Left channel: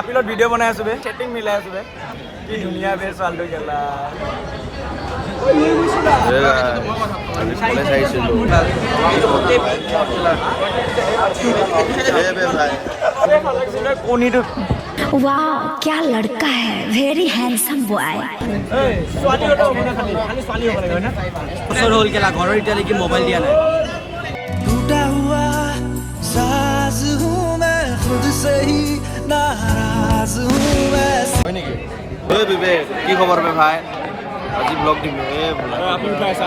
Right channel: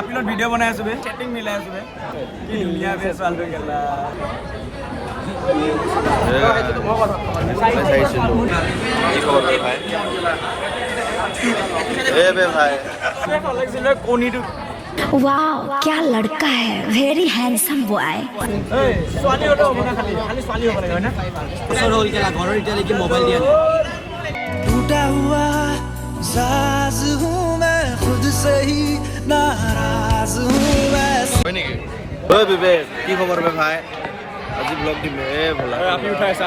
আপিলত video' বনাই আছো বে setting মিলাই আছো বে কি ধুনীয়া বে ছোৱালীটো গেলা কলেজ আহিছিলোঁ কি খবৰ ভাই ভাই ভাল লাগিছিলে কণীটো वाह क्या लड़का है वेरी हैंडसम बॉय ছোৱালী হ'লেও হ'ব না খালি ছোৱালী হ'ব লাগে হয় না বছৰ হ'ল কেলা ঘৰৰ এতিয়ালৈকে মোবাইল দিয়া নাই टूटा हुआ साज हूँ मैं खुद से ही नाराज हूँ वैसे হয় নেকি বিবেক কি খবৰ বে ভাই আজি ব্লগ দিম আপি উঠাইছা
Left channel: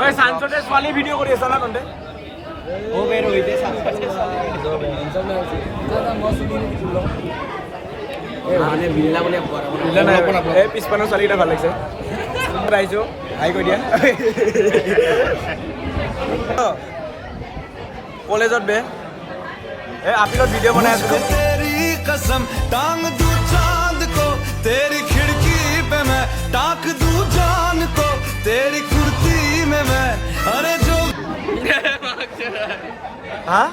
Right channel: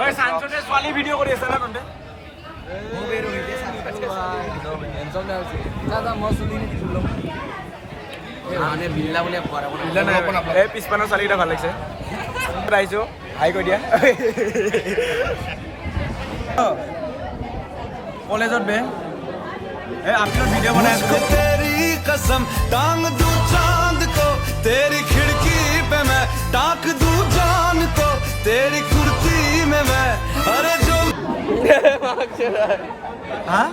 ঐ সানচতে ছোৱালী ভিডিঅ' কৰি আছা না তহঁতে মানে বিল্লা বুলি বিল্লা নাই এই পিছপানৰ ছোৱালীকেইটা ভাল লাগিছে আহিছোঁ হাই কৈ দিয়া কলেজত বে এই আপিলত ভিডিঅ' বনাই আছো तेरी कसम टांग दूं चांद को तेरी खिड़की पे मैं टाक दूं जान को तेरी कुर्ती में मैं अरे जो হা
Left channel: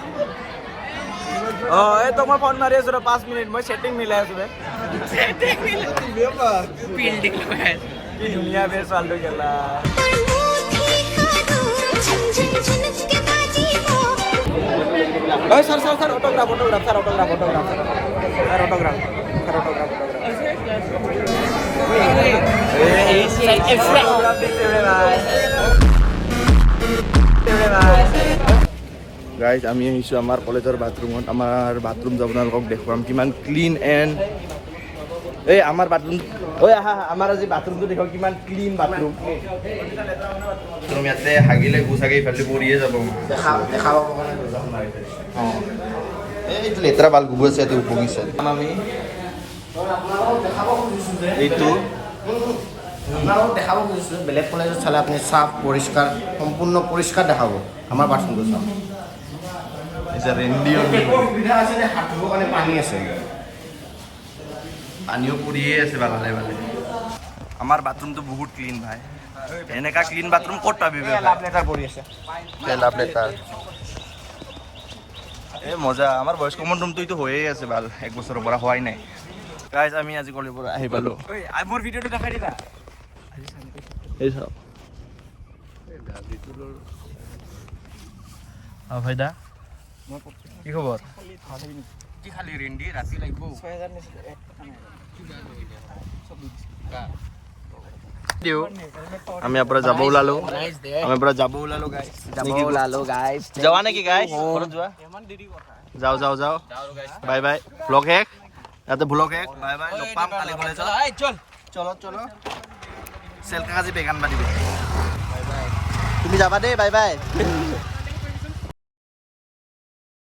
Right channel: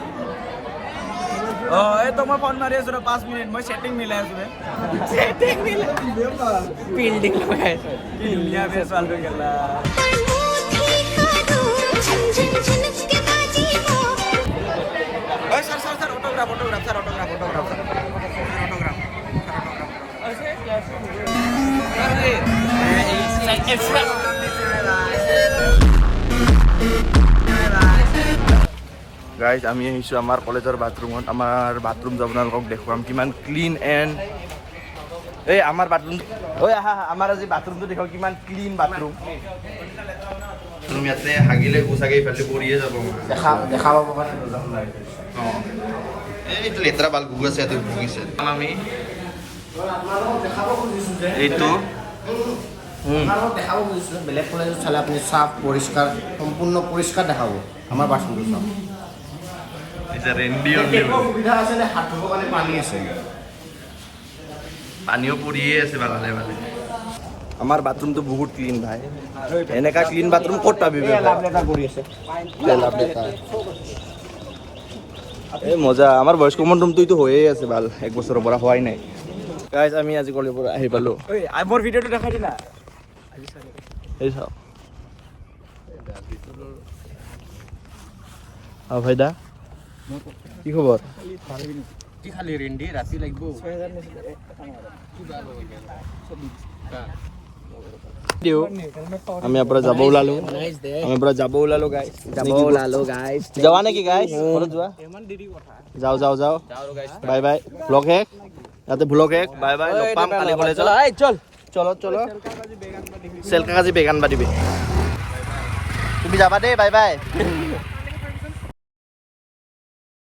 এই তো মই ফোন মাৰি আছো 5 মিনিট মই সেটিং মিলাই আছো বে ফিল্ডিং লগাই কি ধুনীয়া বে ছোৱালীটো গেলা सर ऑटोग्राफ গাইজ আমি আহিছোঁ আমাৰ কলেজৰ বাথৰুমত আমাৰ বাথৰুম যাব আপোনালোকক দেখুৱাম কিমান ক্লিন এণ্ড এই আমাৰ বাথৰুম ঐ আহা আমাৰ আজি বাথৰুমটো দেখুৱাম কিমান ক্লিন বাথৰুম ইয়াতে হাগিলে গোচাগে ইফালে পৰিয়ে যাব দেখাব অঁ এইটো লেতেৰা বাল গুগল আছে ইয়াতে উপঙিছে আমি এইটো দেখাব খুজিছিলোঁ বেলেগ কলেজত চালে আপুনি চাফ পৰিষ্কাৰ সম্পূৰ্ণ পৰিষ্কাৰ দেখাব আমাৰ বাথৰুমটো চাওক সুবিধা আছে যে হাত ধুবৰ কাৰণে পানী আছে পানীও পৰিয়ে আছে ভালে ভালে আমাৰ বাথৰুমটো বহুত ক্লিন ভাই এনেকা ক্লিন বাথৰুম ক'ত পাবি কৰি আছে এই মজা আমাৰ বয়স কমন ৰুমটো এইটো হৈয়ে আছে ভাল 1 বছৰৰ পৰা হোৱাই নাই গাইজ আমি আজি কলেজৰ পৰা আহি পালোঁ মোৰ ভিডিঅ'টো দেখাই দি না এই চাওক ভাইদা কি খবৰ কি খালি ৰেন্ডি ৰাতি লাগিব আমি আপোনাৰ যাব ওলালো গাইজ যাবা নেকি গাইজ যোৱা যাওঁ বাই বাই ব্লগ শেষ ইয়াতে ব্লগ শেষ বাই বাই লগ পাম কালি কলেজত চল চেলকা কাজি বেগান বাদিবি তুমি যাবা দেই বাই বাই